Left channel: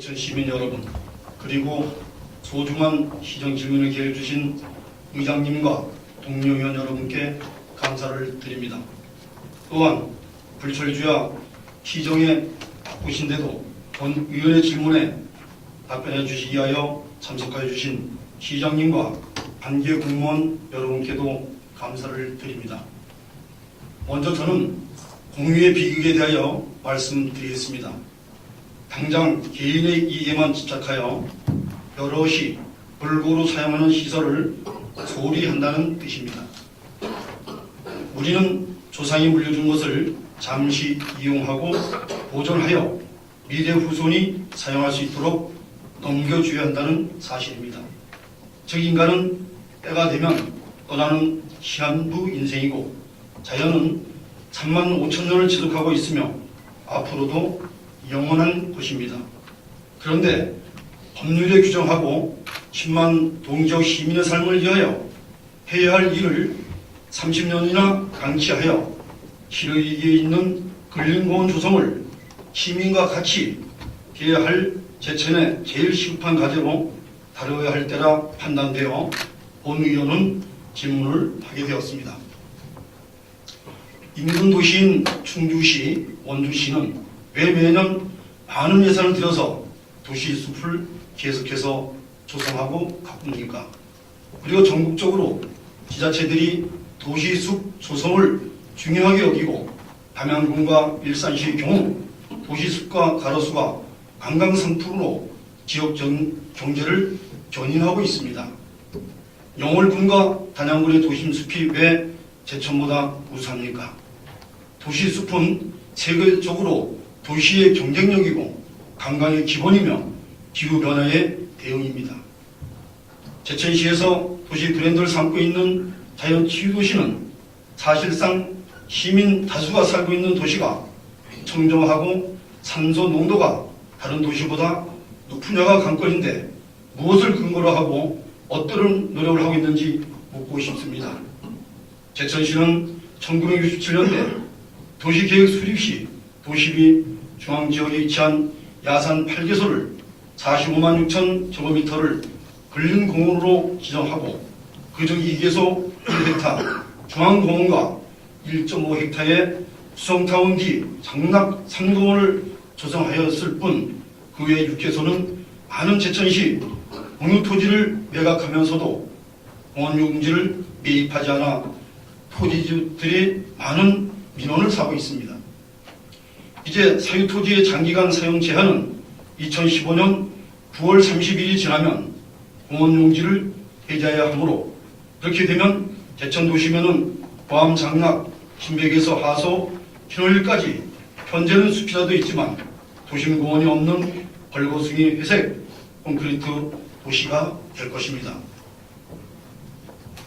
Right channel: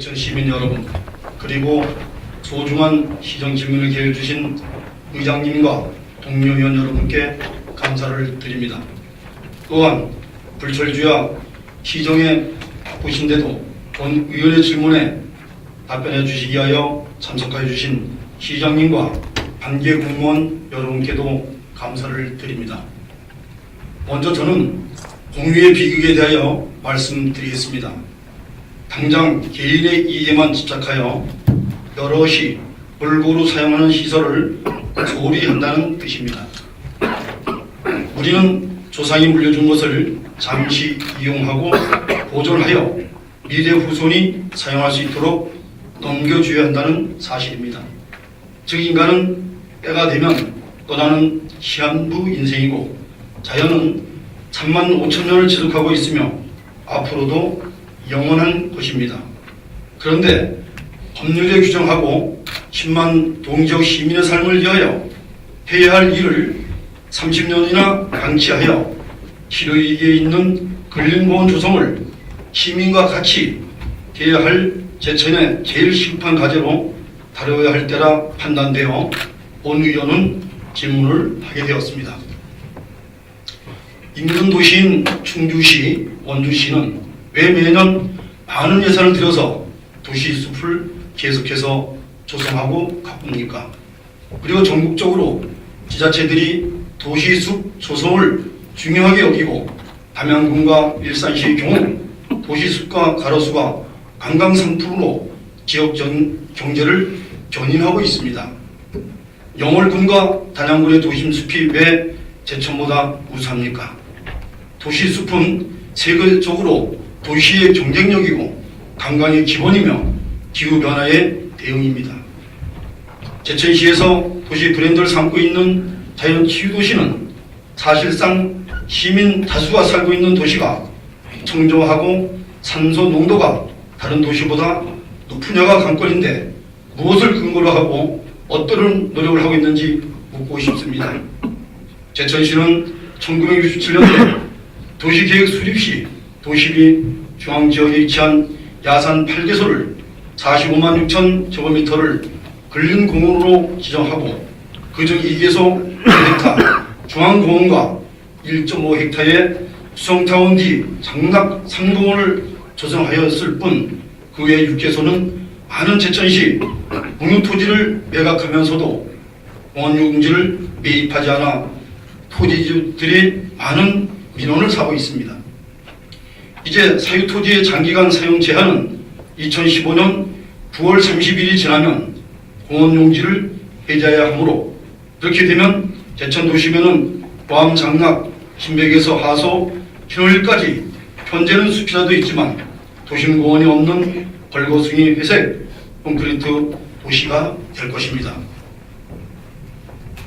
제천 시민 여러분, 그리고 소중한 시정 질문을 기회해 주신 의장님과 동료 의원 여러분께 감사를 드립니다. 또한 불철주야 시정에 바쁘신데도 본 의원의 질문에 답변해 주시기 위하여 참석해 주신 시장님과 관계 공무원 여러분께도 감사를 드립니다. 먼저 저는 공유의 비극에 대하여 말씀드리겠습니다. 당장 개인의 이익에만 집착하여 여럿이 골고루 사용하는 시설을 소홀히 한다는 뜻입니다. 우리는 조상이 물려준 것을 잠시 이용하고 보존하여 미래 후손이 사용할 수 있도록 넘겨줘야 한다는 사실입니다. 즉 인간은 때가 되면 떠나는 시한부 인생이고 자연은 35,000년을 지속하고 있으며 앞으로도 영원한 것입니다. 그런데 법률에 규정하고 10만 동지역 시민의 삶을 위하여 해야 할 일을 30년이나 방치하여 실효이익에 있는 근린공원 조성을 시민과 같이 해야 할 제천의 제일 시급한 과제로 다뤄야 할 때라 판단되어 온 의원은 질문을 하게 되었습니다. 인근 도시인 충주시, 원주시는 왜 매년 많은 예산을 들여서 도시숲을 계속해서 조성하고 가꿉니까? 그리고 전국적으로 지자체들이 도시숲 조성을 중요하게 여기고 담양군과 일산시의 경우 도시숲과 가로수가 관광 상품으로 지역 경제를 견인하고 있습니다. 영월군과 단양군의 도심숲이 왜 제천보다 우수합니까? 도시숲은 세계적으로 도시의 경쟁력이고 관광의 기본이며 기후변화의 대응입니다. 제천시에서 도시 브랜드를 삼고 있는 자연치유도시는 사실상 시민 다수가 살고 있는 도시가 청정하고 산소 농도가 다른 도시보다 높으냐가 관건인데 무엇을 근거로 하고 어떤 노력을 하고 있는지 묻고 싶습니다. 제천시는 1967년도에 도시계획 수립 시 도시비 중앙지역에 위치한 야산 8개소를 45만 6천 제곱미터를 근린공원으로 지정하고 그중 2개소 1헥타 중앙공원과 1.5헥타의 수성타운 뒤 장락 3공원을 조성하였을 뿐 그 외 6개소는 많은 제천시 공유토지를 매각하면서도 공원용지를 매입하지 않아 토지주들이 많은 민원을 사고 있습니다. 이제 사유토지의 장기간 사용 제한은 2015년 9월 30일이 지나면 공원용지를 해제해야 하므로 이렇게 되면 제천도심에는 포함 장락, 신백에서 하소, 신월까지 현재는 숲이라도 있지만 도심공원이 없는 벌거숭이 회색 콘크리트 도시가 될 것입니다.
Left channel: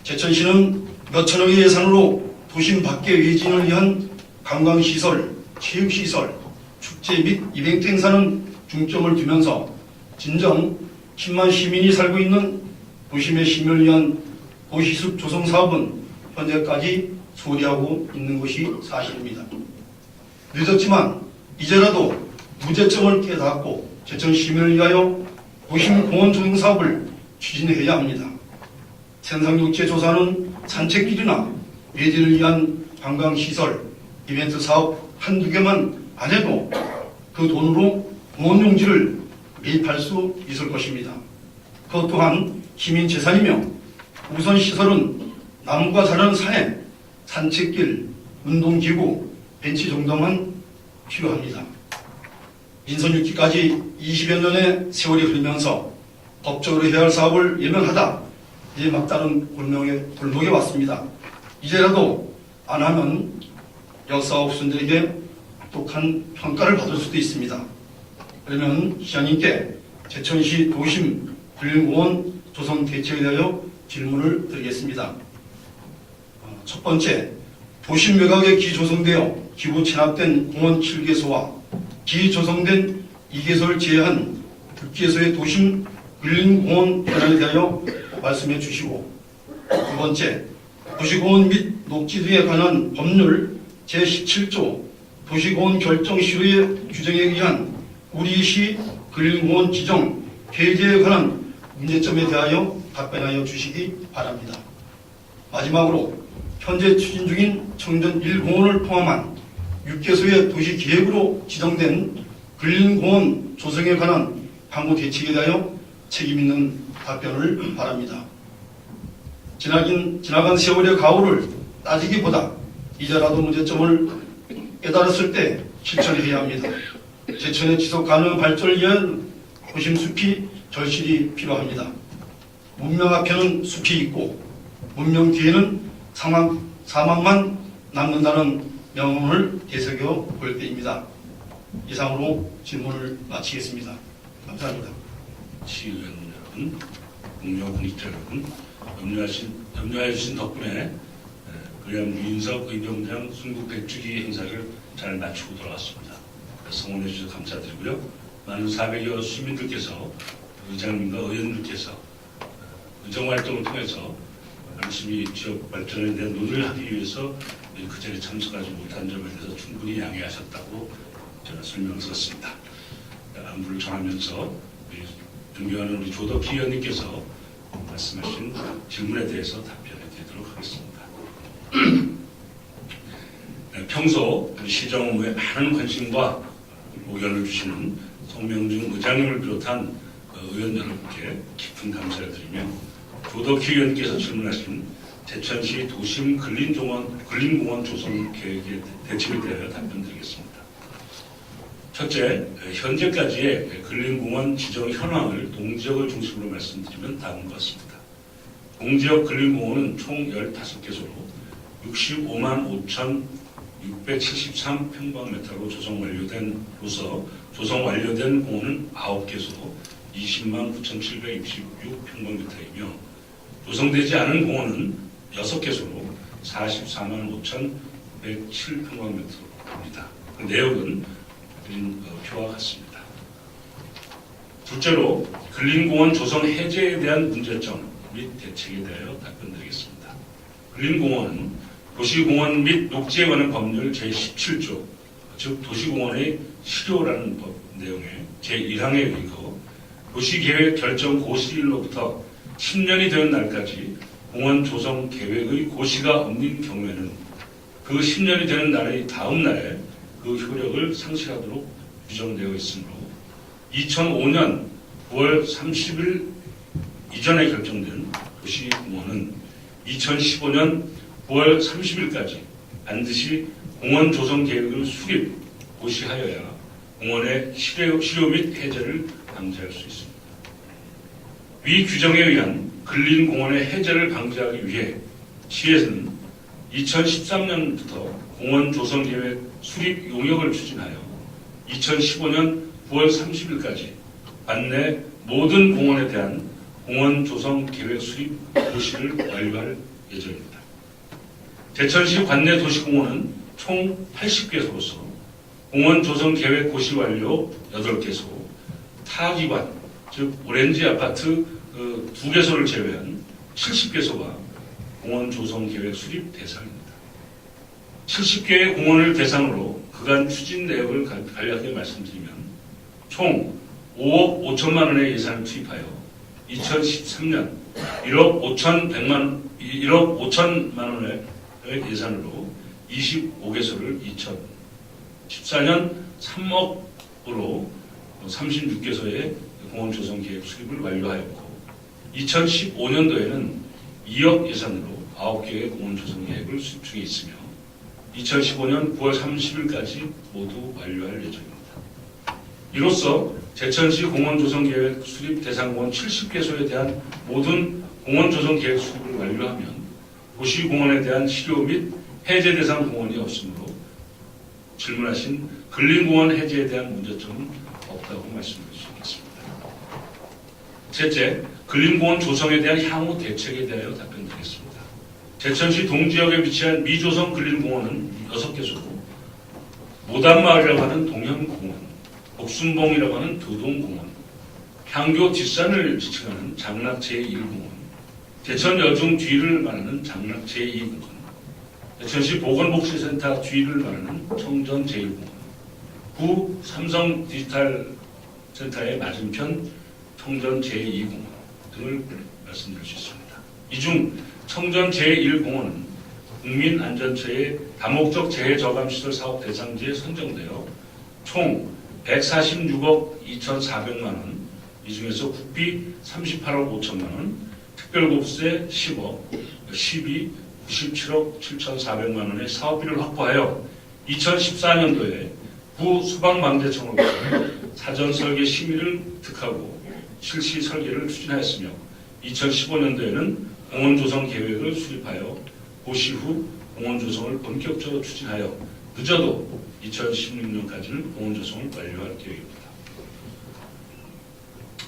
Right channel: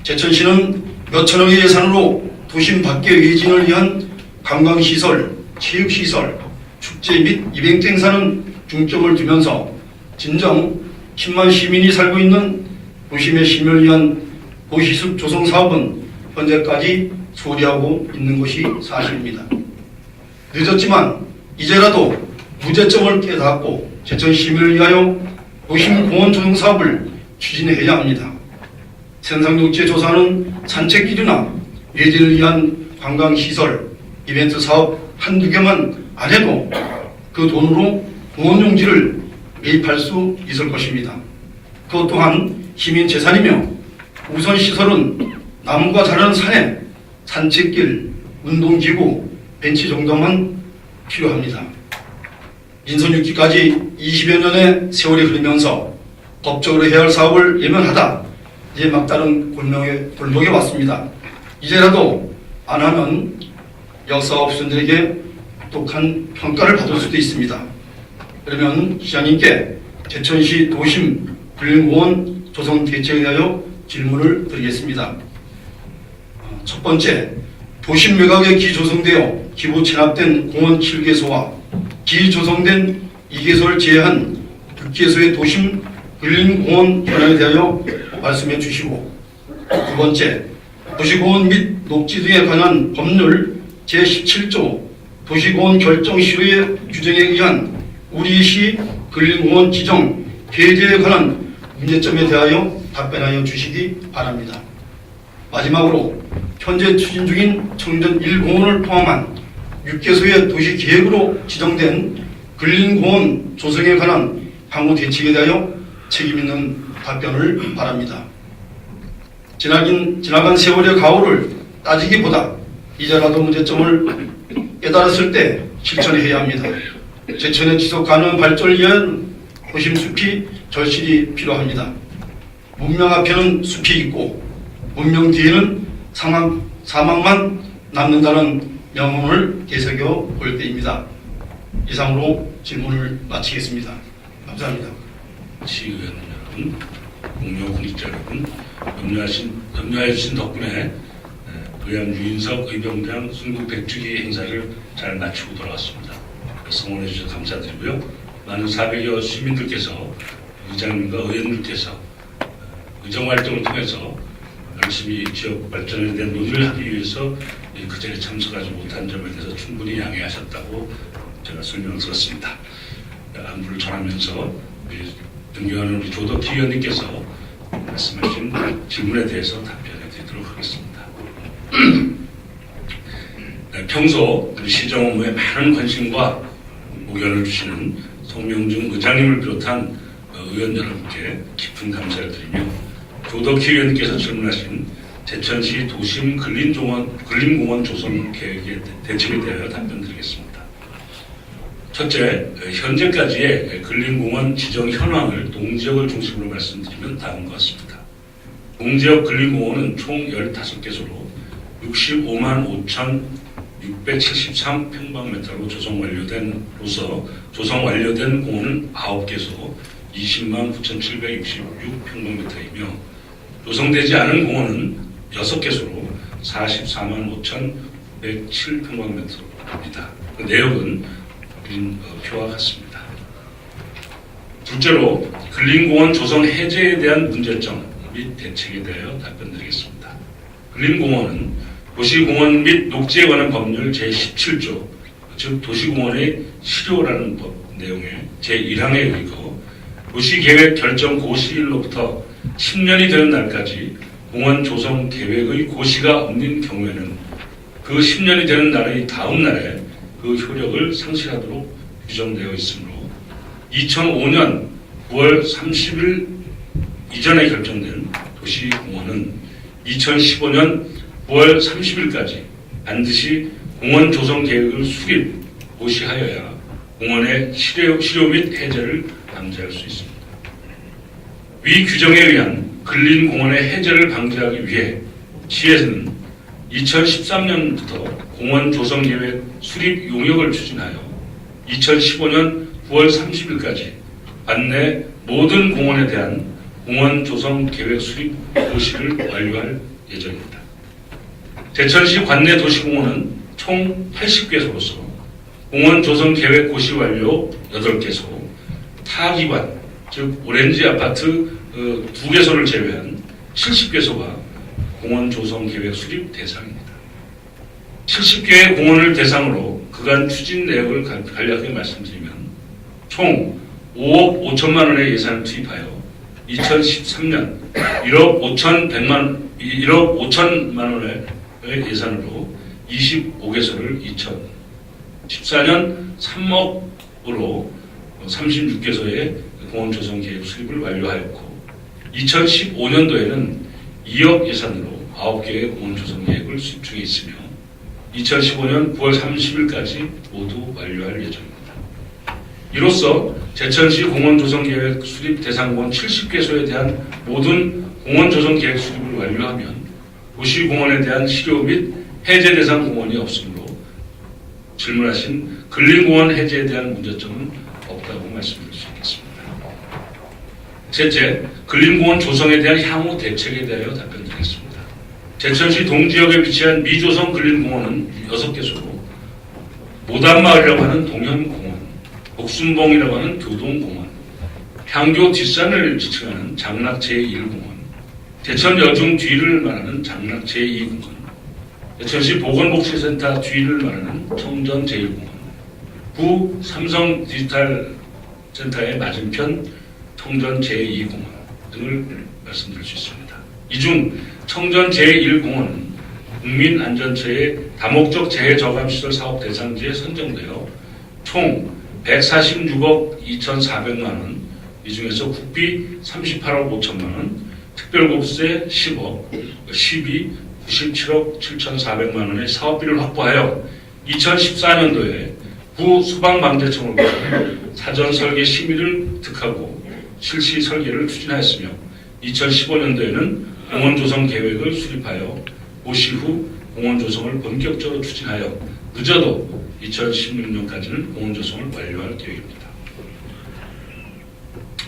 제천시는 몇천억의 예산으로 도심 밖의 외진을 위한 관광시설, 체육시설, 축제 및 이벤트 행사는 중점을 두면서 진정 10만 시민이 살고 있는 도심의 시민을 위한 도시숲 조성 사업은 현재까지 소홀히하고 있는 것이 사실입니다. 늦었지만 이제라도 무제점을 깨닫고 제천 시민을 위하여 도심 공원 조성 사업을 추진해야 합니다. 생산용지의 조사는 산책길이나 외진을 위한 관광시설, 이벤트 사업 한두 개만 안 해도 그 돈으로 공원용지를 매입할 수 있을 것입니다. 그것 또한 시민 재산이며 우선 시설은 나무가 자라는 산에 산책길, 운동기구, 벤치 정도만 필요합니다. 민선 6기까지 20여 년의 세월이 흐르면서 법적으로 해야 할 사업을 예면하다 이제 막다른 골목에 왔습니다. 이제라도 안 하면 역사업소들에게 독한 평가를 받을 수도 있습니다. 그러면 시장님께 제천시 도심 근린공원 조성 대책에 대하여 질문을 드리겠습니다. 첫 번째, 도심 외곽에 기조성되어 기부 체납된 공원 7개소와 기조성된 2개소를 제외한 6개소의 도심 근린공원 현황에 대하여 말씀해 주시고, 두 번째, 도시공원 및 녹지 등에 관한 법률 제17조 도시공원 결정 시효의 규정에 의한 우리시 근린공원 지정 폐지에 관한 문제점에 대하여 답변하여 주시기 바랍니다. 마지막으로 현재 추진 중인 청전 1공원을 포함한 6개소의 도시계획으로 지정된 근린공원 조성에 관한 향후 대책에 대하여 책임있는 답변을 바랍니다. 지나간 세월의 가오를 따지기보다 이제라도 문제점을 깨달았을 때 실천해야 합니다. 제천의 지속 가능한 발전을 위한 도심 숲이 절실히 필요합니다. 문명 앞에는 숲이 있고 문명 뒤에는 사막만 남는다는 명언을 되새겨 볼 때입니다. 이상으로 질문을 마치겠습니다. 감사합니다. 시의원 여러분, 공명 공직자 여러분, 염려해 주신 덕분에 의왕 유인석 의병장 순국 100주기 행사를 잘 마치고 돌아왔습니다. 성원해 주셔서 감사드리고요. 많은 400여 시민들께서 의장님과 의원님께서 의정활동을 통해서 열심히 지역 발전에 대한 논의를 하기 위해서 그 자리에 참석하지 못한 점에 대해서 충분히 양해하셨다고 제가 설명을 들었습니다. 안부를 전하면서 존경하는 우리 조덕희 의원님께서 말씀하신 질문에 대해서 답변해 드리도록 하겠습니다. 평소 시정 업무에 많은 관심과 목연을 주시는 송명중 의장님을 비롯한 의원 여러분께 깊은 감사를 드리며 조덕희 의원님께서 질문하신 제천시 도심 근린공원 조성 계획의 대책에 대하여 답변드리겠습니다. 첫째, 현재까지의 근린공원 지정 현황을 동지역을 중심으로 말씀드리면 다음과 같습니다. 동지역 근린공원은 총 15개소로 65만 5,673평방미터로 조성 완료된 공원은 9개소 20만 9,766평방미터이며 조성되지 않은 공원은 6개소로 44만 5,107평방미터입니다. 그 내역은 표와 같습니다. 둘째로 근린공원 조성 해제에 대한 문제점 및 대책에 대하여 답변드리겠습니다. 근린공원은 도시공원 및 녹지에 관한 법률 제17조 즉 도시공원의 실효라는 법 내용의 제1항에 의거 도시계획 결정 고시일로부터 10년이 되는 날까지 공원 조성 계획의 고시가 없는 경우에는 그 10년이 되는 날의 다음 날에 그 효력을 상실하도록 규정되어 있으므로 2005년 9월 30일 이전에 결정된 도시공원은 2015년 9월 30일까지 반드시 공원 조성 계획을 수립, 고시하여야 공원의 실효 및 해제를 방지할 수 있습니다. 위 규정에 의한 근린공원의 해제를 방지하기 위해 시에서는 2013년부터 공원 조성 계획 수립 용역을 추진하여 2015년 9월 30일까지 관내 모든 공원에 대한 공원 조성 계획 수립 고시를 완료할 예정입니다. 제천시 관내 도시공원은 총 80개소로서 공원 조성 계획 고시 완료 8개소, 타기관, 즉 오렌지 아파트 2개소를 제외한 70개소가 공원 조성 계획 수립 대상입니다. 70개의 공원을 대상으로 그간 추진 내역을 간략하게 말씀드리면 총 5억 5천만 원의 예산을 투입하여 2013년 1억 5천만 원의 예산으로 25개소를 2014년 3억으로 36개소의 공원 조성 계획 수립을 완료하였고 2015년도에는 2억 예산으로 9개의 공원 조성 계획을 수립 중에 있으며 2015년 9월 30일까지 모두 완료할 예정입니다. 이로써 제천시 공원 조성 계획 수립 대상 공원 70개소에 대한 모든 공원 조성 계획 수립을 완료하면 도시공원에 대한 실효 및 해제 대상 공원이 없으므로 질문하신 근린공원 해제에 대한 문제점은 없다고 말씀드릴 수 있겠습니다. 셋째, 근린공원 조성에 대한 향후 대책에 대하여 답변드리겠습니다. 제천시 동지역에 위치한 미조성 근린공원은 6개소로 모단마을이라고 하는 동현공원, 복순봉이라고 하는 교동공원, 향교 뒷산을 지칭하는 장락 제1공원, 제천 여중 뒤를 말하는 장락 제2공원, 제천시 보건복지센터 뒤를 말하는 청정 제1공원, 구 삼성 디지털 센터의 맞은편 청전 제2공원 등을 말씀드릴 수 있습니다. 이 중 청전 제1공원은 국민안전처의 다목적 재해저감시설 사업 대상지에 선정되어 총 146억 2,400만 원, 이 중에서 국비 38억 5천만 원, 특별국세 10억, 시비 97억 7,400만 원의 사업비를 확보하여 2014년도에 구 소방방재청으로부터 사전 설계 심의를 득하고 실시 설계를 추진하였으며 2015년도에는 공원 조성 계획을 수립하여 고시 후 공원 조성을 본격적으로 추진하여 늦어도 2016년까지는 공원 조성을 완료할 계획입니다.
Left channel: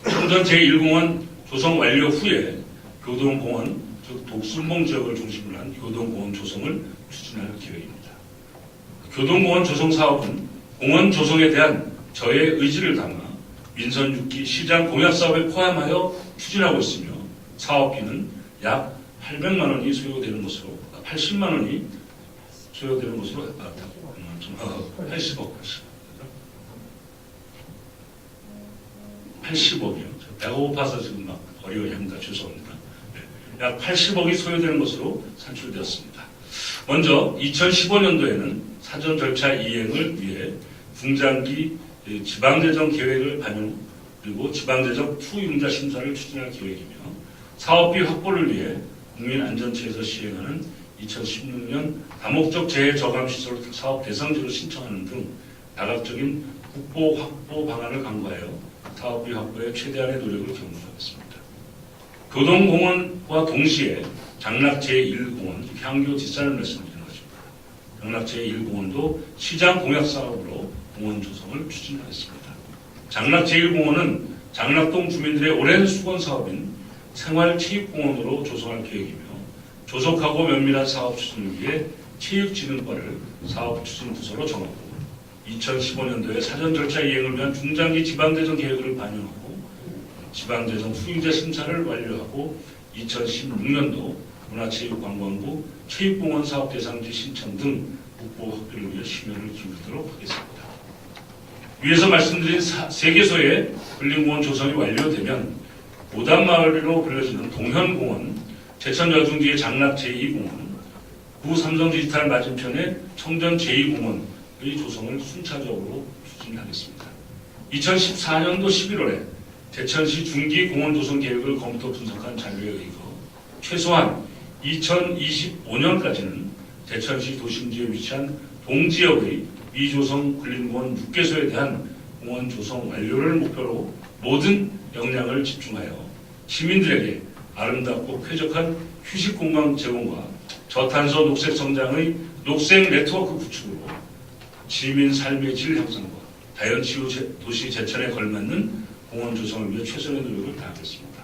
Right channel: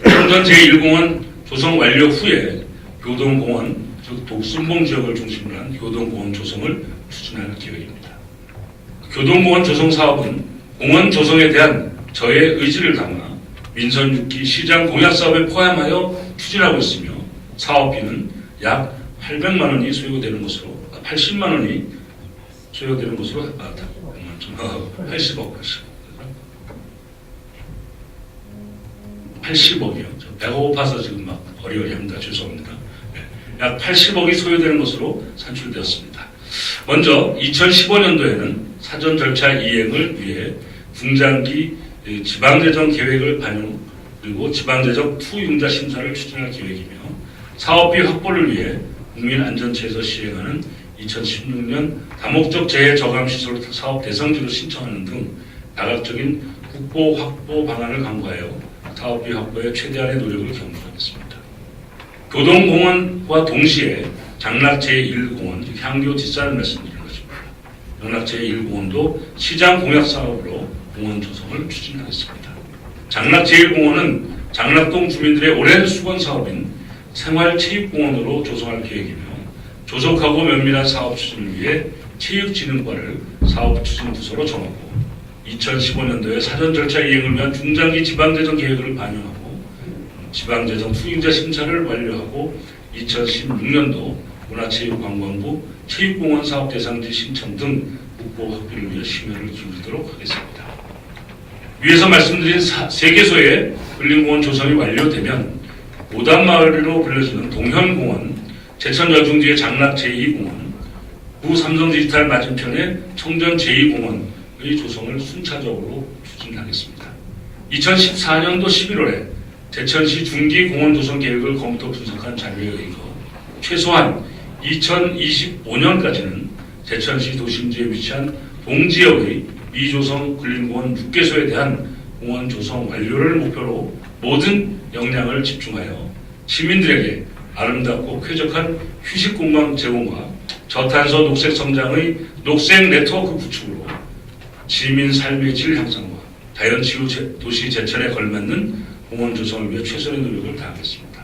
청전 제1공원 조성 완료 후에 교동공원, 즉 독순봉 지역을 중심으로 한 교동공원 조성을 추진할 계획입니다. 교동공원 조성 사업은 공원 조성에 대한 저의 의지를 담아 민선 6기 시장 공약 사업에 포함하여 추진하고 있으며 사업비는 약 800만 원이 소요되는 것으로 80만 원이 소요되는 것으로 80억이요. 배가 고파서 지금 막 어리어리합니다. 죄송합니다. 약 80억이 소요되는 것으로 산출되었습니다. 먼저 2015년도에는 사전 절차 이행을 위해 중장기 지방재정 계획을 반영 그리고 지방재정 투융자 심사를 추진할 계획이며 사업비 확보를 위해 국민안전처에서 시행하는 2016년 다목적 재해저감시설 사업 대상지로 신청하는 등 다각적인 국보 확보 방안을 강구하여 사업비 확보에 최대한의 노력을 경주하겠습니다. 교동공원과 동시에 장락 제1공원, 향교 뒷산을 말씀드리는 것입니다. 장락 제1공원도 시장 공약 사업으로 공원 조성을 추진하겠습니다. 장락 제1공원은 장락동 주민들의 오랜 수건 사업인 생활체육공원으로 조성할 계획이며 조속하고 면밀한 사업 추진을 위해 체육진흥과를 사업 추진 부서로 정하고 2015년도에 사전 절차 이행을 위한 중장기 지방재정 계획을 반영하고 지방재정 투입자 심사를 완료하고 2016년도 문화체육관광부 체육공원 사업 대상지 신청 등 국보 확보를 위해 심혈을 기울이도록 하겠습니다. 위에서 말씀드린 3개소의 근린공원 조성이 완료되면 오단마을로 불려지는 동현공원, 제천여중지의 장락 제2공원, 구 삼성디지털 맞은편의 청전 제2공원의 조성을 순차적으로 추진하겠습니다. 2014년도 11월에 제천시 중기 공원 조성 계획을 검토 분석한 자료에 의거 최소한 2025년까지는 제천시 도심지에 위치한 동지역의 미조성 근린공원 6개소에 대한 공원 조성 완료를 목표로 모든 역량을 집중하여 시민들에게 아름답고 쾌적한 휴식공간 제공과 저탄소 녹색 성장의 녹색 네트워크 구축으로 시민 삶의 질 향상과 자연치유 도시 제천에 걸맞는 공원 조성을 위해 최선의 노력을 다하겠습니다.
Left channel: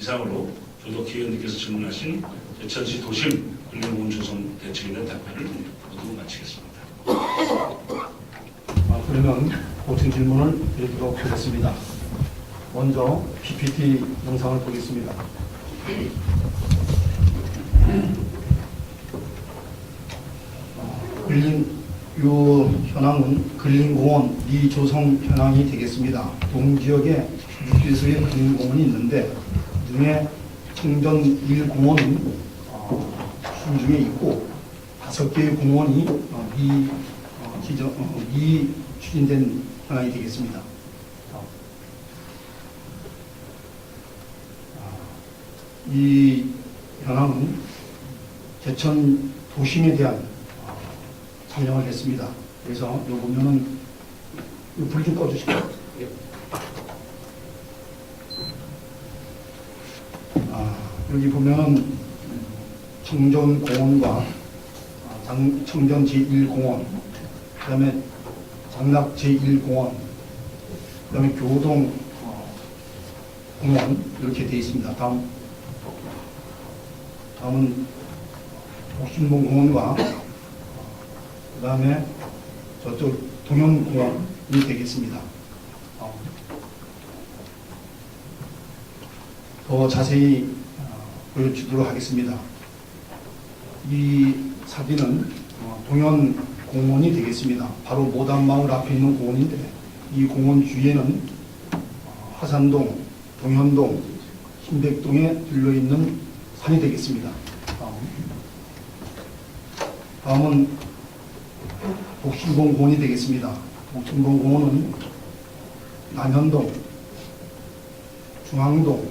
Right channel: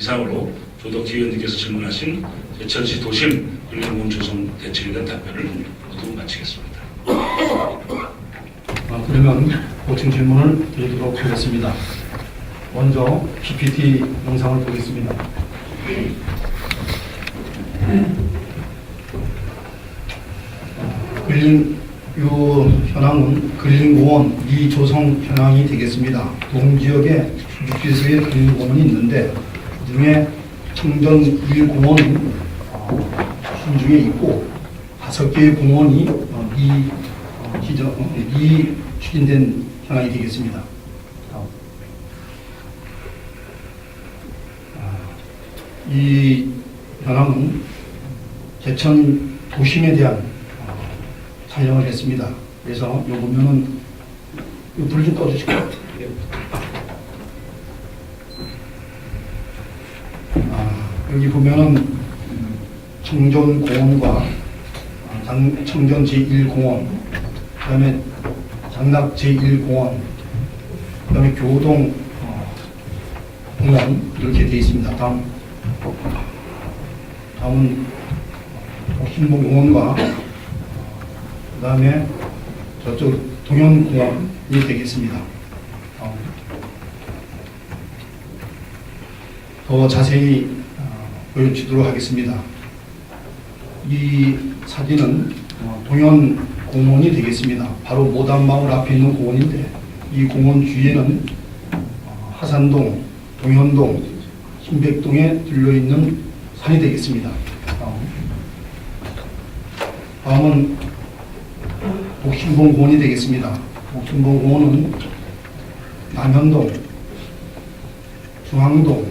이상으로 조덕희 의원님께서 질문하신 제천시 도심 근린공원 조성 대책에 대한 답변을 모두 마치겠습니다. 그러면 보충 질문을 드리도록 하겠습니다. 먼저 PPT 영상을 보겠습니다. 요 현황은 근린공원 미조성 현황이 되겠습니다. 동지역에 6개소의 근린공원이 있는데 그중에 청전 1공원이 중에 있고 5개의 공원이 추진된 현황이 되겠습니다. 이 현황은 제천 도심에 대한 촬영을 했습니다. 그래서 여기 보면은 불 좀 꺼주실까요? 여기 보면은 청전공원과 청전 제1공원, 그다음에 장락 제1공원, 그다음에 교동 공원 이렇게 되어 있습니다. 다음은 독순봉공원과 그다음에 저쪽 동현공원이 되겠습니다. 더 자세히 보여주도록 하겠습니다. 이 사진은 동현공원이 되겠습니다. 바로 모단마을 앞에 있는 공원인데 이 공원 주위에는 화산동, 동현동, 신백동에 들려있는 산이 되겠습니다. 다음은 독신봉공원이 되겠습니다. 독신봉공원은 남현동, 중앙동,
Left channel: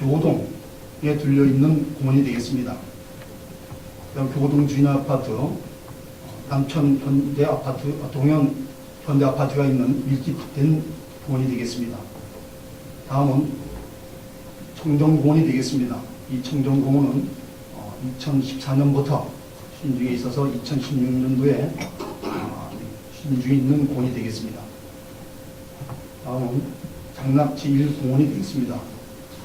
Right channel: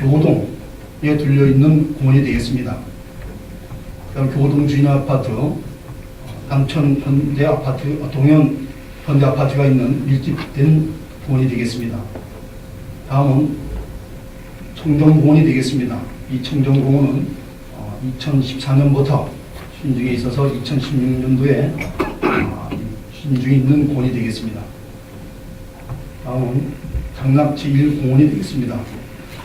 교동에 들려있는 공원이 되겠습니다. 교동 주인 아파트, 남천 현대 아파트, 동현 현대 아파트가 있는 밀집된 공원이 되겠습니다. 다음은 청정공원이 되겠습니다. 이 청정공원은 2014년부터 신중에 있어서 2016년도에 신중에 있는 공원이 되겠습니다. 다음은 장락 제1공원이 되겠습니다.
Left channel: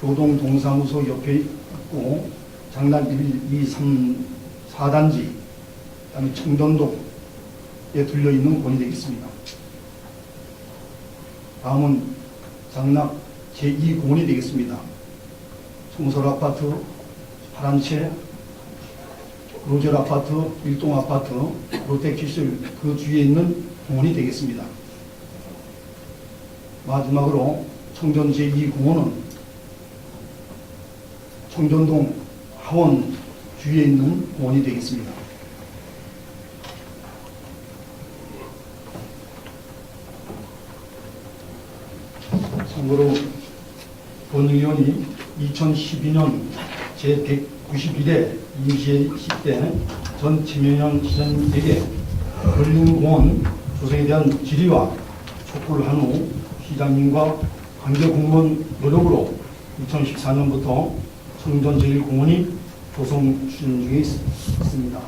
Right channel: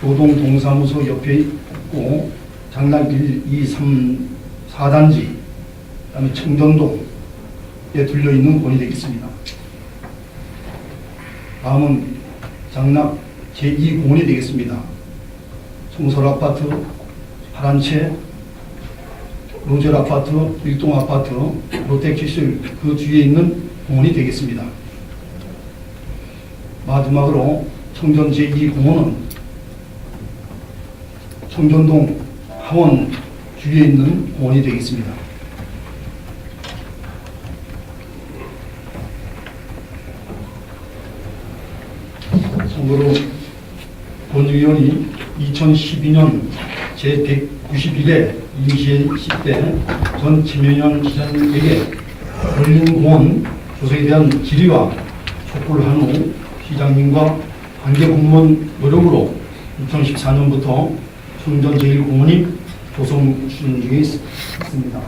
교동 동사무소 옆에 있고 장락길 2, 3, 4단지, 그다음에 청정동에 들려있는 공원이 되겠습니다. 다음은 장락 제2공원이 되겠습니다. 청설아파트, 파란채, 로젤아파트, 일동아파트, 롯데캐슬 그 주위에 있는 공원이 되겠습니다. 마지막으로 청전 제2공원은 청전동 하원 주위에 있는 공원이 되겠습니다. 참고로 본의원이 2012년 제191회 임시회 전 김영현 시장에게 걸림공원 조성에 대한 질의와 촉구를 한 후 시장님과 관계공무원 노력으로 2014년부터 충전 제1공원이 조성 추진 중에 있습니다.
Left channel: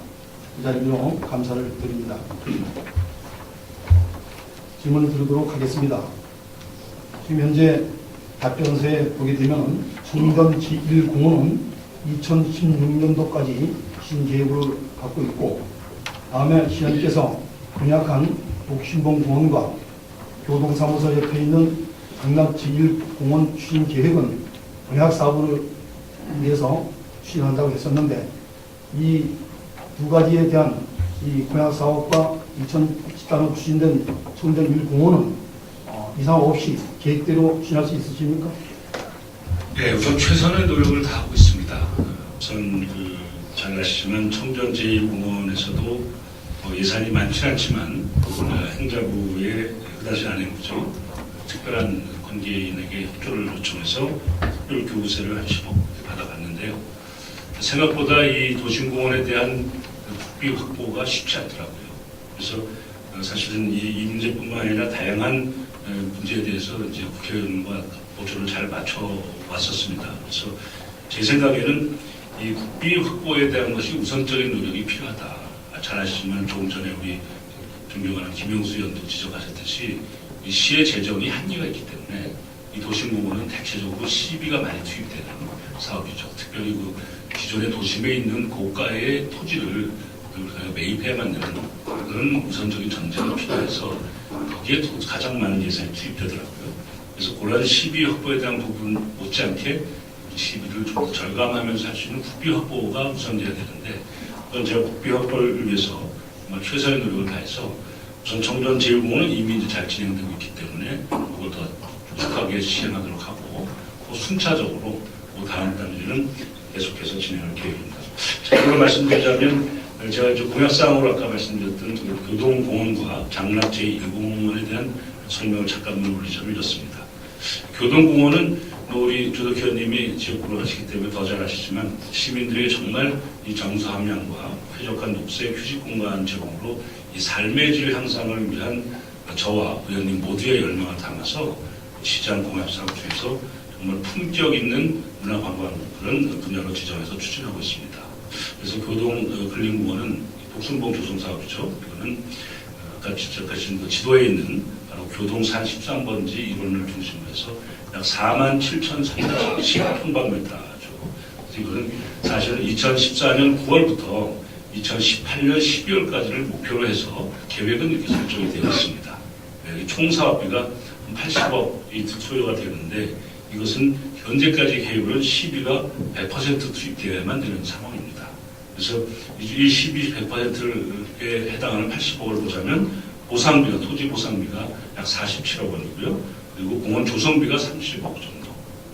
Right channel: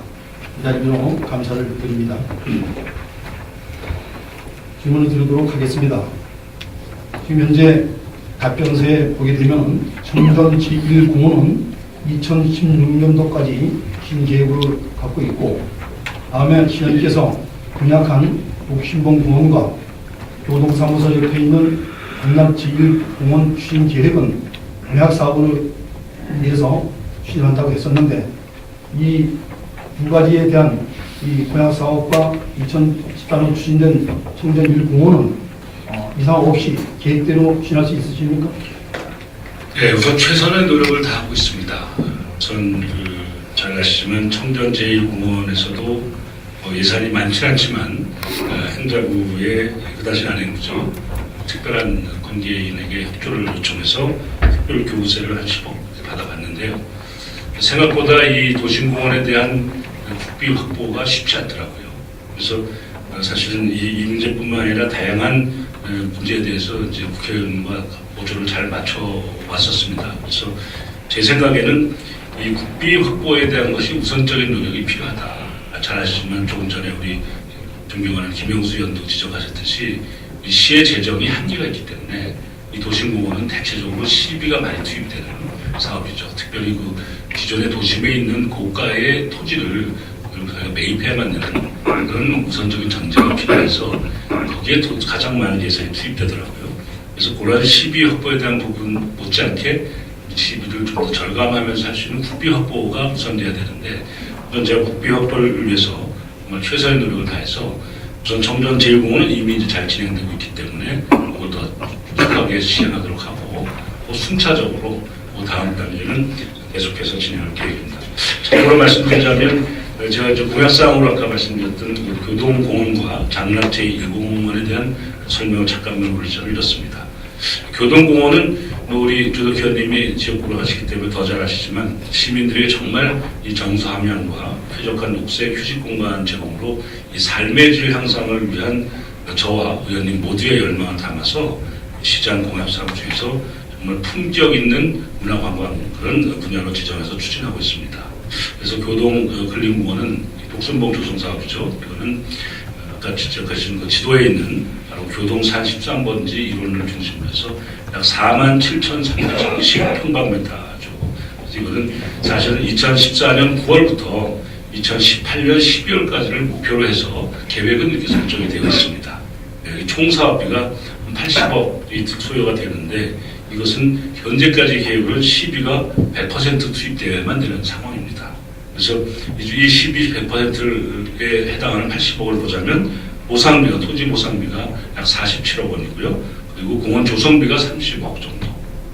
이 자리로 감사를 드립니다. 질문을 드리도록 하겠습니다. 지금 현재 답변서에 보게 되면 충전 제1공원은 2016년도까지 신계획을 갖고 있고, 다음에 시장님께서 공약한 옥신봉 공원과 교동사무소 옆에 있는 강남 제1공원 추진 계획은 공약 사업을 위해서 추진한다고 했었는데, 이 두 가지에 대한 이 공약 사업과 2014년 추진된 청전 1공원은 이상 없이 계획대로 추진할 수 있으십니까? 네, 우선 최선의 노력을 다하고 있습니다. 우선 잘 아시지만 청전 제1공원에서도 예산이 많지 않지만 행자부의 그다지 안행부죠. 특별한 관계인에게 협조를 요청해서 특별 교부세를 한 10억 받아봤는데요. 생각보다 이 도심공원에 대한 국비 확보가 쉽지 않더라고요. 그래서 사실은 이 문제뿐만 아니라 다양한 문제에 대해서 이제 국회의원과 보조를 잘 맞춰 왔었습니다. 그래서 제 생각에는 이 국비 확보에 대한 것이 우선적인 노력이 필요하다. 잘 아시지만 조금 전에 우리 존경하는 김영수 의원도 지적하셨듯이 이 시의 재정이 한계가 있기 때문에 이 도심공원은 대체적으로 시비가 많이 투입되는 사업이죠. 특별히 그 기존의 도심에 있는 고가의 토지를 매입해야만 되는 그런 우선적인 전제가 필요해서 거기에 가장 많은 예산이 투입되더라고요. 그래서 그러한 시비 확보에 대한 부분 못지않게 시비를 좀 더 절감하면서 할 수 있는 국비 확보가 우선돼야 되는데, 그건 제가 국비 확보를 위해서 최선의 노력을 다해서 우선 청전 제1공원은 이미 이제 잘 진행되고 있기 때문에 그걸 더 촉박하게 시행하도록 하고, 또 순차적으로 다음 단계는 계속해서 진행할 계획입니다. 참고로 말씀드리자면 제가 이제 공약사항으로 아까 말씀드렸던 교동공원과 장락 제1공원에 대한 설명을 잠깐만 올리자면 이렇습니다. 교동공원은 우리 조덕 의원님이 지역구로 하시기 때문에 더 잘 아시지만 시민들에게 정말 이 정서함양과 쾌적한 녹색 휴식 공간 제공으로 이 삶의 질 향상을 위한 저와 의원님 모두의 열망을 담아서 시장 공약사업 중에서 정말 품격 있는 문화관광 그런 분야로 지정해서 추진하고 있습니다. 그래서 교동 근린공원은 독순봉 조성 사업이죠. 이거는 아까 지적하신 그 지도에 있는 바로 교동산 13번지 일원을 중심으로 해서 약 47,310 평방미터죠. 이거는 사실은 2014년 9월부터 2018년 12월까지를 목표로 해서 계획은 이렇게 설정이 되어 있습니다. 총 사업비가 80억이 소요가 되는데, 이것은 현재까지 계획은 시비가 100% 투입되어야만 되는 상황입니다. 그래서 이 시비 100%에 해당하는 80억을 보자면 보상비가, 토지 보상비가 약 47억 원이고요. 그리고 그리고 공원 조성비가 30억 정도,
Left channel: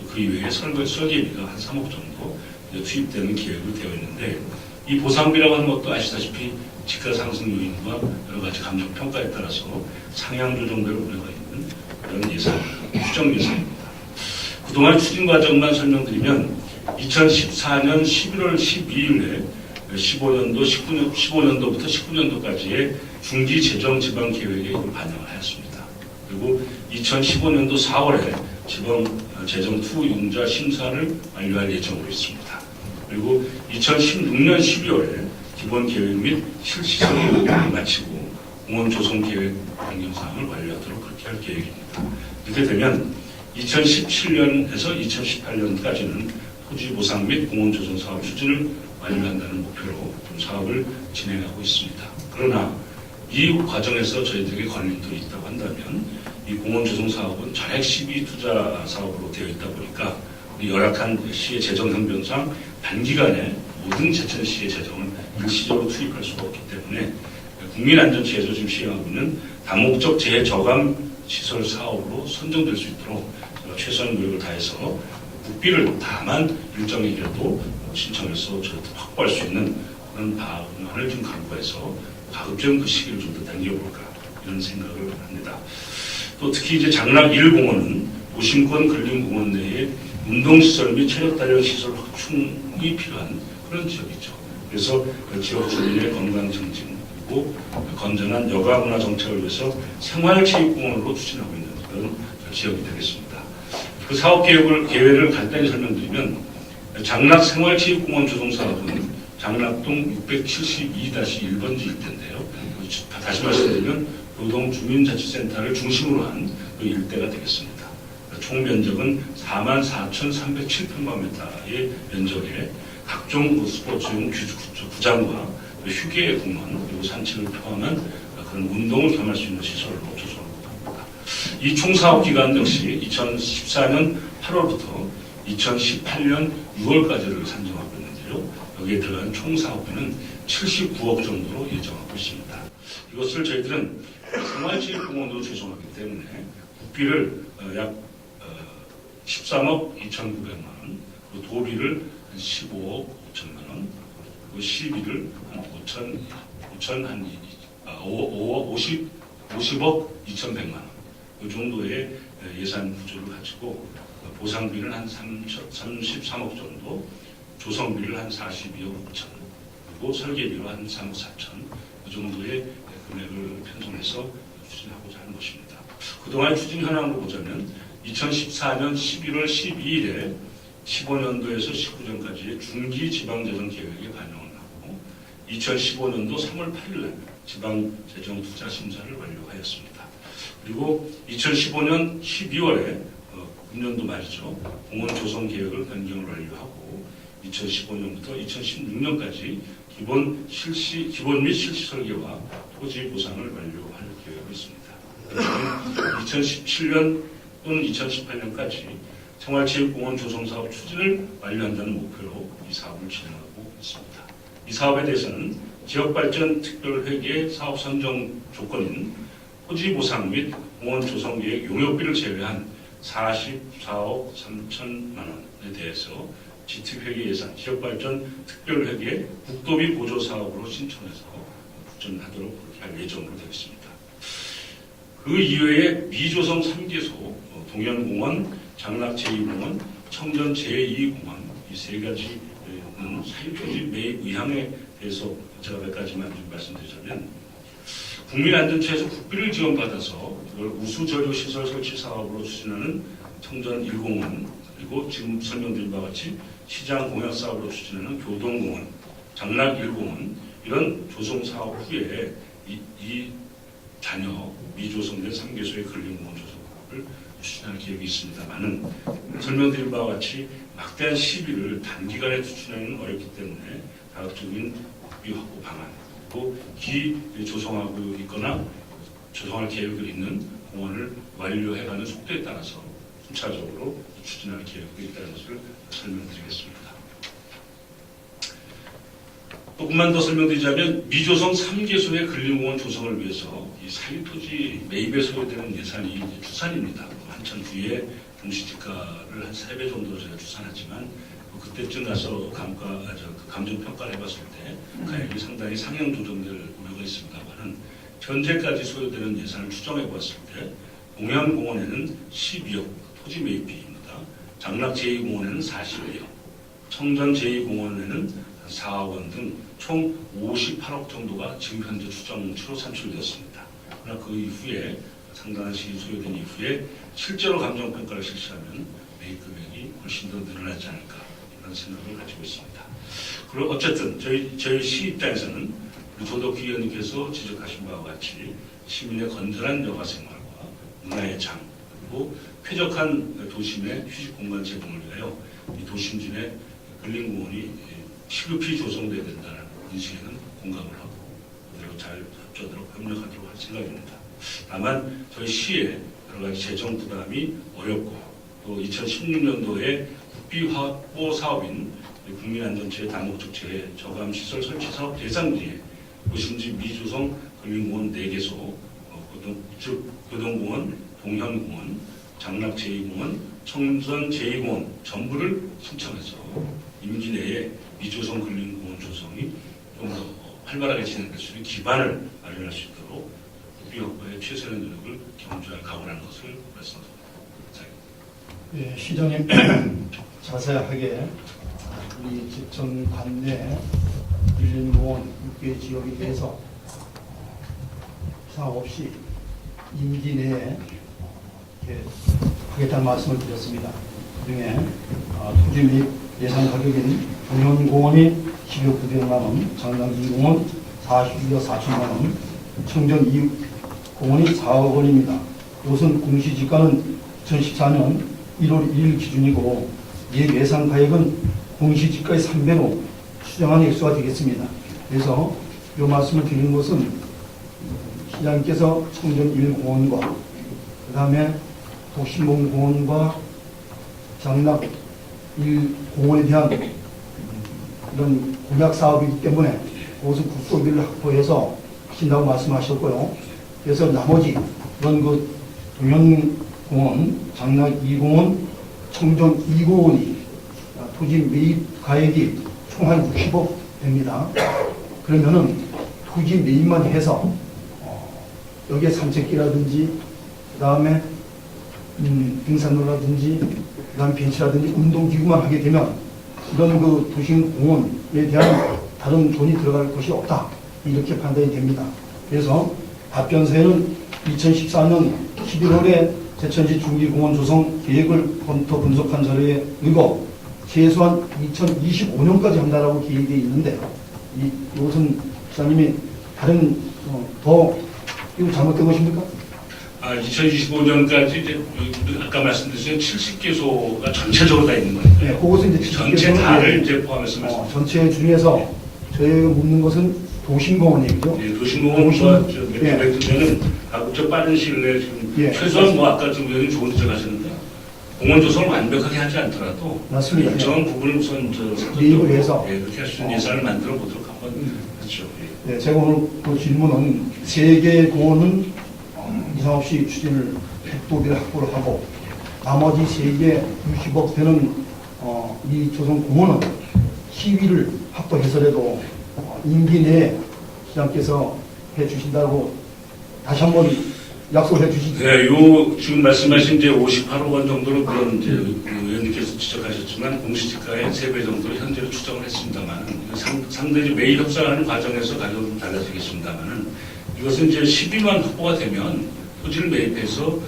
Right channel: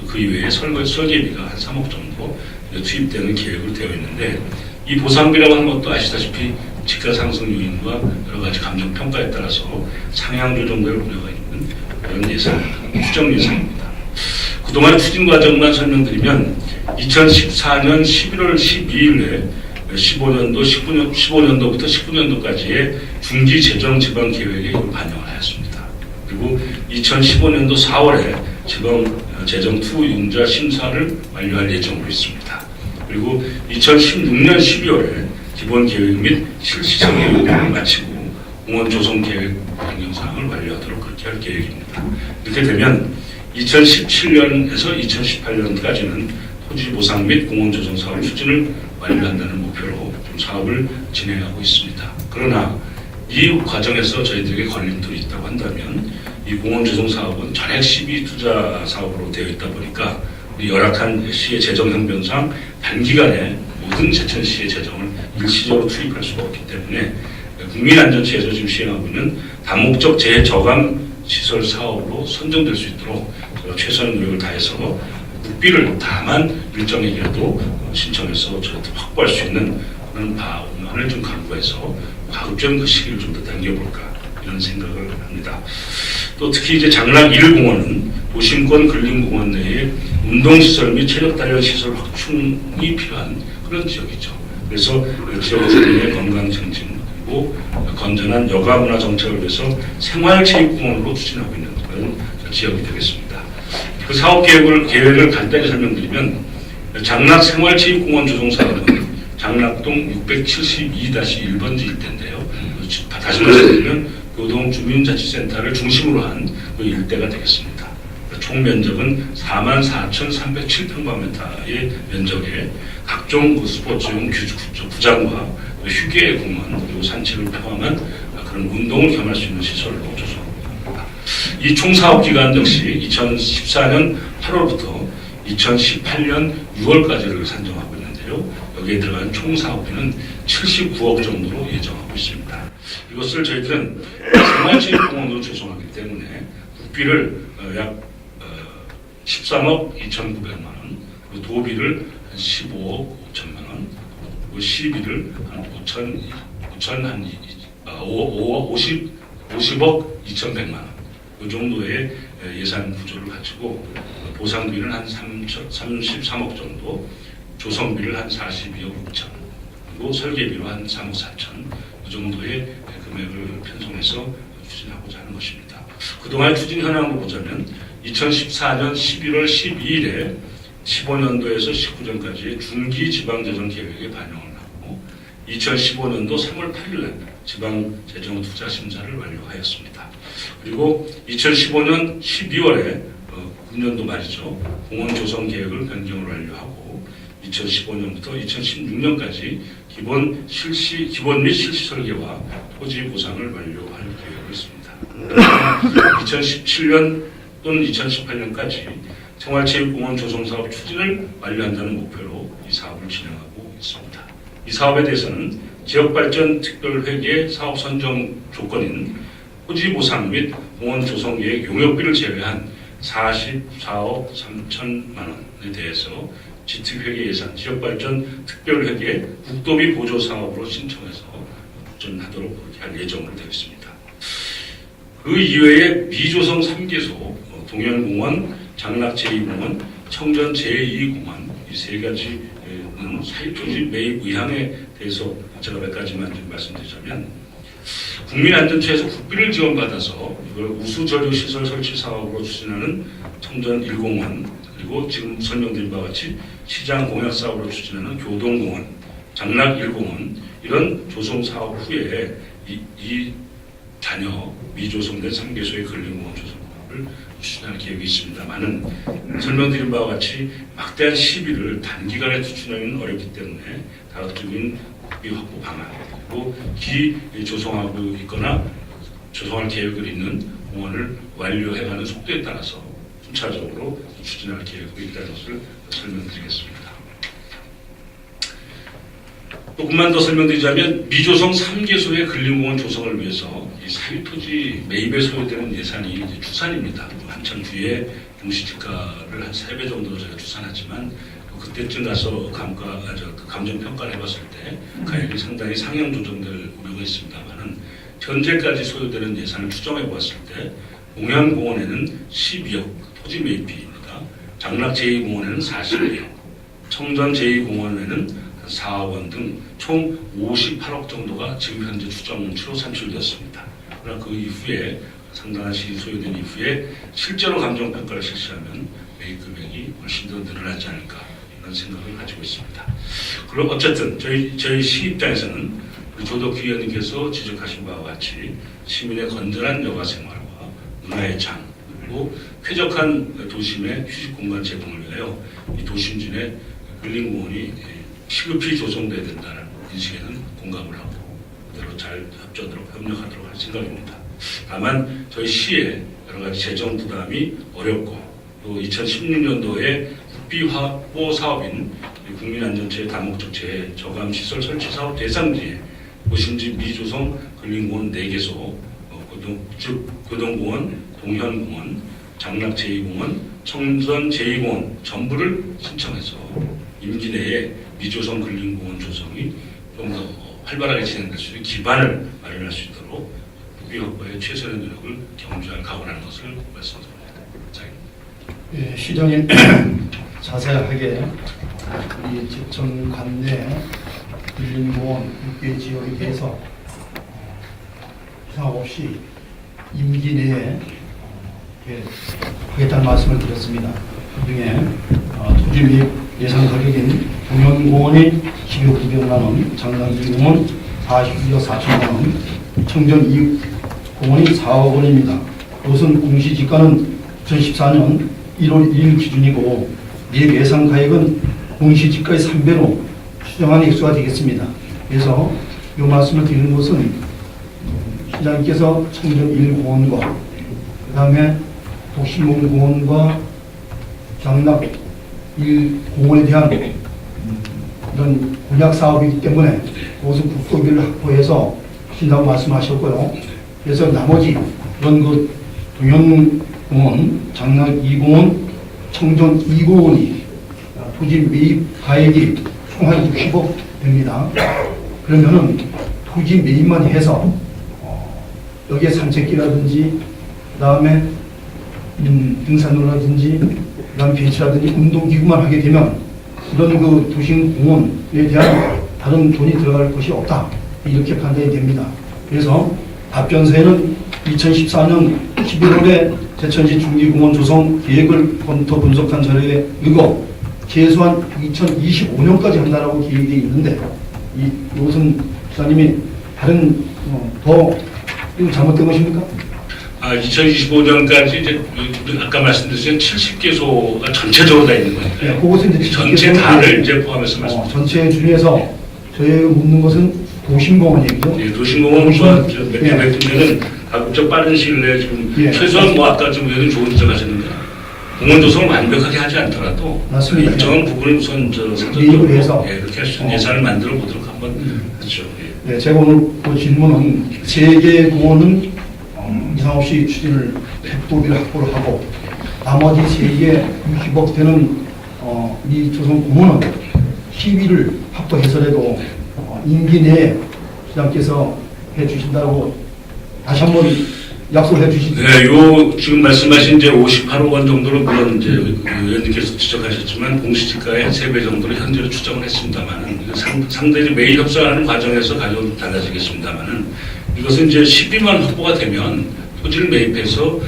그 이외에 설계비가 한 3억 정도 투입되는 계획으로 되어 있는데, 이 보상비라고 하는 것도 아시다시피 집가 상승 요인과 여러 가지 감정 평가에 따라서 상향 조정될 우려가 있는 그런 추정 예산입니다. 그동안 추진 과정만 설명드리면 2014년 11월 12일에 15년도부터 19년도까지의 중기 재정 지방 계획에 이걸 반영을 하였습니다. 그리고 2015년도 4월에 재정 투 융자 심사를 완료할 예정으로 있습니다. 그리고 2016년 12월에 기본 계획 및 실시적 계획을 마치고 공원 조성 계획 변경사항을 완료하도록 그렇게 할 계획입니다. 이렇게 되면 2017년에서 2018년까지는 토지 보상 및 공원 조성 사업 추진을 완료한다는 목표로 좀 사업을 진행하고 있습니다. 그러나 이 과정에서 저희들에게 걸림돌이 있다고 한다면, 이 공원 조성 사업은 전액 시비 투자 사업으로 되어 있다 보니까 우리 열악한 시의 재정 형편상 단기간에 모든 제천시의 재정을 일시적으로 투입할 수가 없기 때문에 국민안전처에서 지금 시행하고 있는 다목적 재저감 시설 사업으로 선정될 수 있도록 최선의 노력을 다해서 국비를 다만 일정액이라도 신청해서 저희들 확보할 수 있는 그런 방안을 좀 강구해서 가급적 그 시기를 좀 더 당겨볼까, 이런 생각을 합니다. 또 특히 이제 장락 1공원은 도심권 근린공원 내에 운동시설 및 체력 단련 시설 확충이 필요한 그런 지역이죠. 그래서 그 지역 주민의 건강 증진, 그리고 건전한 여가 문화 정착을 위해서 생활체육공원으로 추진하고 있는 그런 지역이 되겠습니다. 그 사업 계획을 간단히 설명드리면, 장락 생활체육공원 조성 사업은 장락동 672-1번지 일대인데요. 다시 말씀드리면 교동 주민자치센터를 중심으로 한 그 일대가 되겠습니다. 총 면적은 44,307평방미터의 면적에 각종 스포츠용 구장과 휴게 공원, 그리고 산책을 포함한 그런 운동을 겸할 수 있는 시설로 조성합니다. 이 총 사업 기간 역시 2014년 8월부터 2018년 6월까지를 산정하고 있는데요. 여기에 들어간 총 사업비는 79억 정도로 예정하고 있습니다. 이것을 저희들은 생활체육공원으로 조성하기 때문에 국비를 약 13억 2,900만 원, 그리고 도비를 한 15억 5천만 원, 그리고 시비를 한 50억 2,100만 원, 그 정도의 예산 구조를 갖추고 보상비를 한 33억 정도, 조성비를 한 42억 6천, 그리고 설계비로 한 3억 4천, 그 정도의 금액을 편성해서 추진하고자 하는 것입니다. 그동안 추진 현황으로 보자면 2014년 11월 12일에 15년도에서 19년까지의 중기 지방재정 계획에 반영을 하고 2015년도 3월 8일에 지방재정 투자 심사를 완료하였습니다. 그리고 2015년 12월에 금년도 말이죠. 공원 조성 계획을 변경을 완료하고 2015년부터 2016년까지 기본 및 실시 설계와 토지 보상을 완료할 계획으로 있습니다. 2017년 또는 2018년까지 생활체육공원 조성 사업 추진을 완료한다는 목표로 이 사업을 진행하고 있습니다. 이 사업에 대해서는 지역발전 특별회계 사업 선정 조건인 토지 보상 및 공원 조성 계획 용역비를 제외한 44억 3천만 원에 대해서 지특회계 예산, 지역발전 특별회계 국도비 보조 사업으로 신청해서 추진하도록 그렇게 할 예정으로 되어 있습니다. 그 이외에 미조성 3개소, 동현공원, 장락 제2공원, 청전 제2공원 이 세 가지는 사유토지 매입 의향에 대해서 제가 몇 가지만 좀 말씀드리자면, 국민안전처에서 국비를 지원받아서 이걸 우수저류시설 설치 사업으로 추진하는 청전 1공원, 그리고 지금 설명드린 바와 같이 시장 공약 사업으로 추진하는 교동공원, 장락 1공원 이런 조성 사업 후에 이 자녀 미조성된 3개소의 근린공원 조성 사업을 추진할 계획이 있습니다만은 설명드린 바와 같이 막대한 시비를 단기간에 추진하기는 어렵기 때문에 다각적인 국비 확보 방안, 그리고 기조성하고 있거나 조성할 계획을 있는 공원을 완료해가는 속도에 따라서 순차적으로 추진할 계획이 있다는 것을 설명드리겠습니다. 조금만 더 설명드리자면 미조성 3개소의 근린공원 조성을 위해서 이 사유토지 매입에 소요되는 예산이 추산입니다. 한 한참 뒤에 공시지가를 한 3배 정도로 저희가 추산하지만 그때쯤 가서 감정평가를 해봤을 때 가액이 상당히 상향 조정될 우려가 있습니다만은 현재까지 소요되는 예산을 추정해 보았을 때 공연공원에는 12억 토지 매입비입니다. 장락 제2공원에는 40억, 청전 제2공원에는 4억 원 등 총 58억 정도가 지금 현재 추정치로 산출되었습니다. 그러나 그 이후에 상당한 시기 소요된 이후에 실제로 감정평가를 실시하면 매입 금액이 훨씬 더 늘어나지 않을까 이런 생각을 가지고 있습니다. 그럼 어쨌든 저희 시 입장에서는 우리 조덕희 의원님께서 지적하신 바와 같이 시민의 건전한 여가 생활과 문화의 장 그리고 쾌적한 도심의 휴식 공간 제공을 위하여 이 도심진의 근린공원이 시급히 조성돼야 된다는 인식에는 공감을 하고 그대로 잘 협조하도록 협력하도록 할 생각입니다. 다만 저희 시의 여러 가지 재정 부담이 어렵고 또 2016년도에 국비 확보 사업인 국민안전체의 다목적 재해 저감 시설 설치 사업 대상지에 도심지 미조성 근린공원 4개소, 교동공원, 동현공원, 장락 제2공원, 청전 제2공원 전부를 신청해서 임기 내에 미조성 근린공원 조성이 좀 더 활발하게 진행될 수 있는 기반을 마련할 수 있도록 국비 확보에 최선의 노력을 경주하여 가고나는 것을 말씀드립니다. 예, 시장님 자세하게 이 제천 관내 근린공원 6개 지역에 대해서 생각 없이 임기 내에 하겠다는 말씀을 드렸습니다. 그중에 토지 매입 예산 가격인 동현공원이 12억 900만 원, 장난지공원 42억 4천만 원, 청전 2억 공원이 4억 원입니다. 이것은 공시지가는 2014년 1월 1일 기준이고 매입 예산 가액은 공시지가의 3배로 추정한 액수가 되겠습니다. 그래서 이 말씀을 드리는 것은 시장님께서 청전 1공원과 그 다음에 독신공원과 장락 1공원에 대한 이런 공약 사업이기 때문에 무슨 국토비를 확보해서 하신다고 말씀하셨고요. 그래서 나머지 그런 그 동현공원, 장락 2공원, 청정 2공원이 토지 매입 가액이 총 한 60억 됩니다. 그러면은 토지 매입만 해서 여기에 산책길이라든지 그다음에 등산로라든지 그다음 벤치라든지 운동기구만 하게 되면 이런 그 도심공원에 대한 다른 돈이 들어갈 것이 없다 이렇게 판단이 됩니다. 그래서 답변서에는 2014년 11월에 제천시 중기공원 조성 계획을 검토 분석한 자료에 이거 최소한 2025년까지 한다라고 계획이 있는데 이것은 시장님이 다른 더 이거 잘못된 것입니까? 2025년까지 이제 아까 말씀드린 70개소가 전체적으로 다 있는 건데요. 그것은 이제 전체 다를 이제 포함해서 말씀. 전체 중에서 저희가 묻는 것은 도심공원이고요. 예, 도심공원과 몇 군데는 가급적 빠른 시일 내에 지금 최소한 뭐 아까 좀 의원님 좋은 지적 하셨는데 공원 조성을 완벽하게 하지 않더라도 맞습니다. 일정한 부분을 우선 매입을 해서 그렇게 할 수 있는 예산을 만들어 보도록 한번 하죠. 네, 제가 오늘 그 질문은 3개 공원은 이상 없이 추진을 국토비를 확보를 하고 나머지 3개 60억 되는 이 조성 공원은 시위를 확보해서라도 임기 내에 시장께서 해주신다고 다시 한번 약속을 해주시죠. 네, 요 지금 말씀하신 이제 58억 원 정도로 물론 이제 의원님께서 지적하셨지만 공시지가의 한 3배 정도로 현재로 추정을 했습니다만은 상대히 매입 협상하는 과정에서 가격은 달라지겠습니다만은 이것은 이제 12만 확보가 되면 토지를 매입해서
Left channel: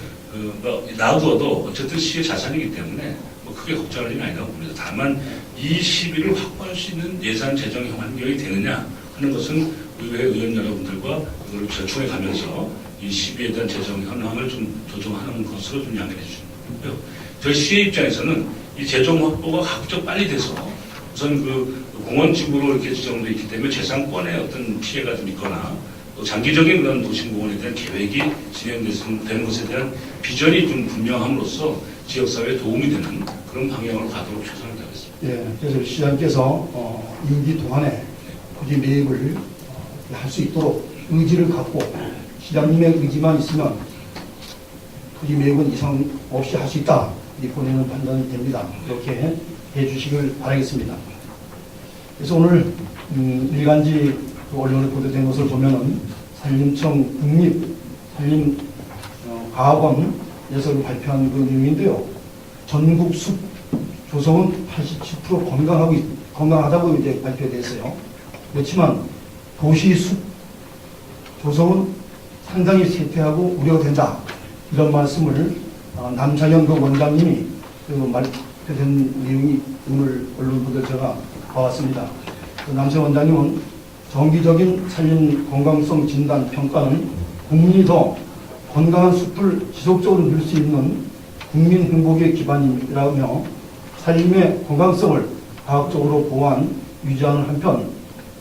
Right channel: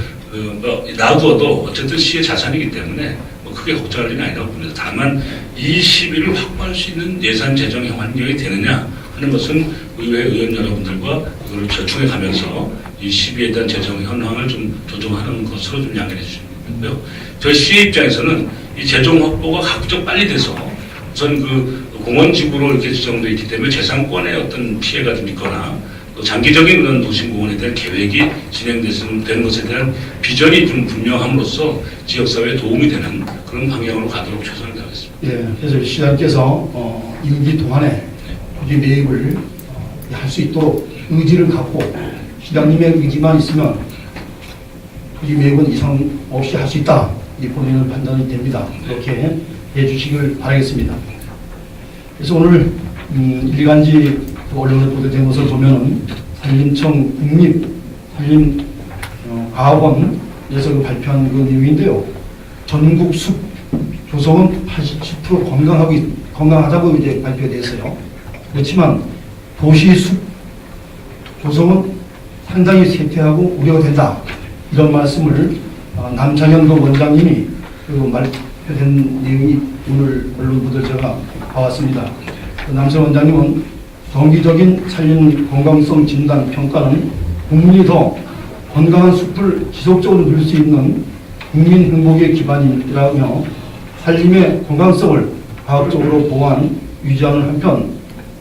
놔두어도 어쨌든 시의 자산이기 때문에 뭐 크게 걱정할 일이 아니라고 봅니다. 다만 이 시비를 확보할 수 있는 예산 재정 환경이 되느냐 하는 것은 의회 의원 여러분들과 이걸 절충해 가면서 이 시비에 대한 재정 현황을 좀 조정하는 것으로 좀 양해해 주시고요. 저희 시 입장에서는 이 재정 확보가 가급적 빨리 돼서 우선 그 공원지구로 이렇게 지정되어 있기 때문에 재산권에 어떤 피해가 좀 있거나 또 장기적인 그런 도심공원에 대한 계획이 진행되는 것에 대한 비전이 좀 분명함으로써 지역사회에 도움이 되는 그런 방향으로 가도록 최선을 다하겠습니다. 예, 그래서 시장께서 임기 동안에 토지 매입을 할 수 있도록 의지를 갖고 시장님의 의지만 있으면 이 매번 이상 없이 할 수 있다. 이 본인은 판단이 됩니다. 그렇게 해주시길 바라겠습니다. 그래서 오늘 일간지 언론에 보도된 것을 보면은 산림청 국립산림과학원에서 발표한 그 내용인데요. 전국 숲 조성은 87% 건강하다고 이제 발표됐어요. 그렇지만 도시 숲 조성은 상당히 쇠퇴하고 우려가 된다. 이런 말씀을 남창현 그 원장님이 그 발표된 내용이 오늘 언론 보도에 제가 봐왔습니다. 남창현 원장님은 정기적인 산림 건강성 진단 평가는 국민이 더 건강한 숲을 지속적으로 누릴 수 있는 국민 행복의 기반이라며 산림의 건강성을 과학적으로 보완, 유지하는 한편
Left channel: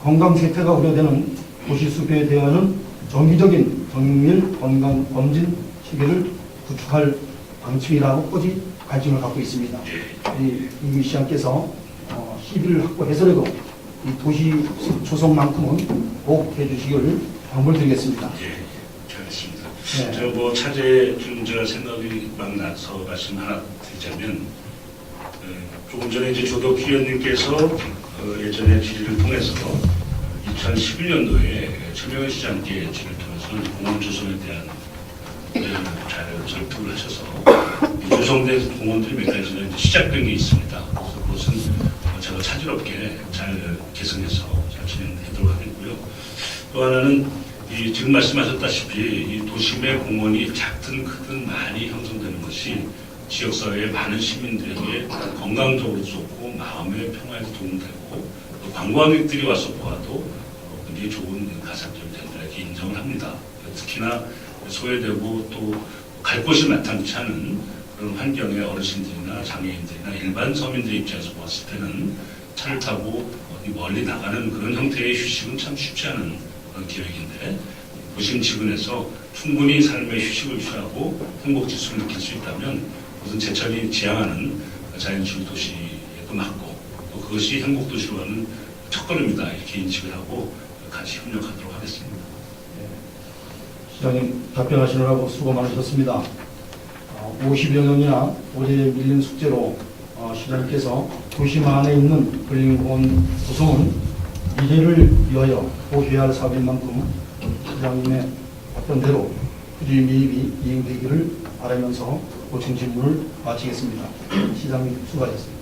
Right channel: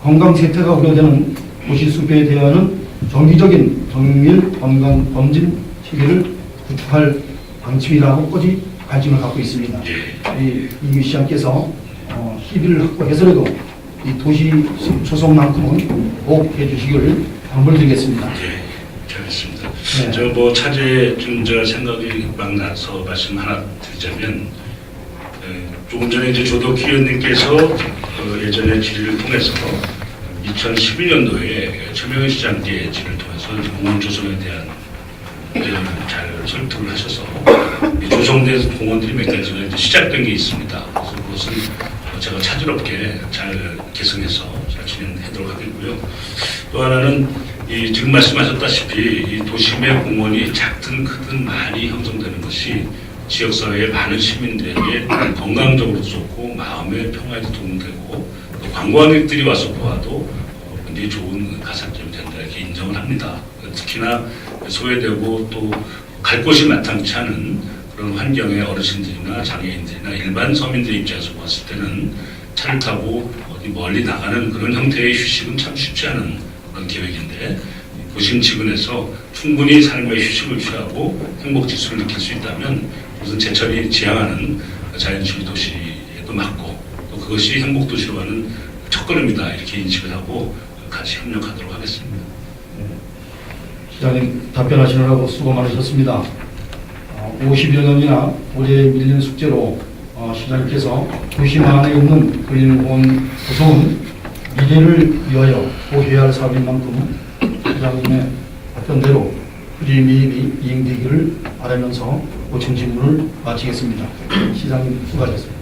건강 쇠퇴가 우려되는 도시 숲에 대한 정기적인 정밀 건강 검진 체계를 구축할 방침이라고 꼬지 관심을 갖고 있습니다. 이 시장께서 시비를 확보해서라도 이 도시 숲 조성만큼은 꼭 해주시기를 당부드리겠습니다. 네, 알겠습니다. 네. 저 뭐 차제에 좀 제가 생각이 막 나서 말씀 하나 드리자면, 조금 전에 이제 조덕 의원님께서 예전에 질의를 통해서 2011년도에 최명희 시장께 질의를 통해서 공원 조성에 대한 의견을 잘 설득을 하셔서 조성된 공원들이 몇 가지가 이제 시작된 게 있습니다. 그래서 그것은 제가 차질없게 잘 개선해서 잘 진행하도록 하겠고요. 또 하나는 지금 말씀하셨다시피 이 도심의 공원이 작든 크든 많이 형성되는 것이 지역사회의 많은 시민들에게 건강적으로 좋고 마음의 평화에도 도움되고 또 관광객들이 와서 보아도 굉장히 좋은 가산점이 된다 이렇게 인정을 합니다. 특히나 소외되고 또 갈 곳이 마땅치 않은 그런 환경의 어르신들이나 장애인들이나 일반 서민들 입장에서 봤을 때는 차를 타고 어디 멀리 나가는 그런 형태의 휴식은 참 쉽지 않은 그런 계획인데 도심지근에서 충분히 삶의 휴식을 취하고 행복 지수를 느낄 수 있다면 그것은 제철이 지향하는 자연주의 도시에도 맞고 또 그것이 행복 도시로 가는 첫걸음이다 이렇게 인식을 하고 같이 협력하도록 하겠습니다. 시장님 답변하시느라고 수고 많으셨습니다. 50여 년이나 오래 밀린 숙제로 시장님께서 도심 안에 있는 근린공원 구성은 미래를 위하여 보해야 할 사업인 만큼 시장님의 답변대로 프리미엄이 이행되기를 바라면서 고청 질문을 마치겠습니다. 시장님 수고하셨습니다.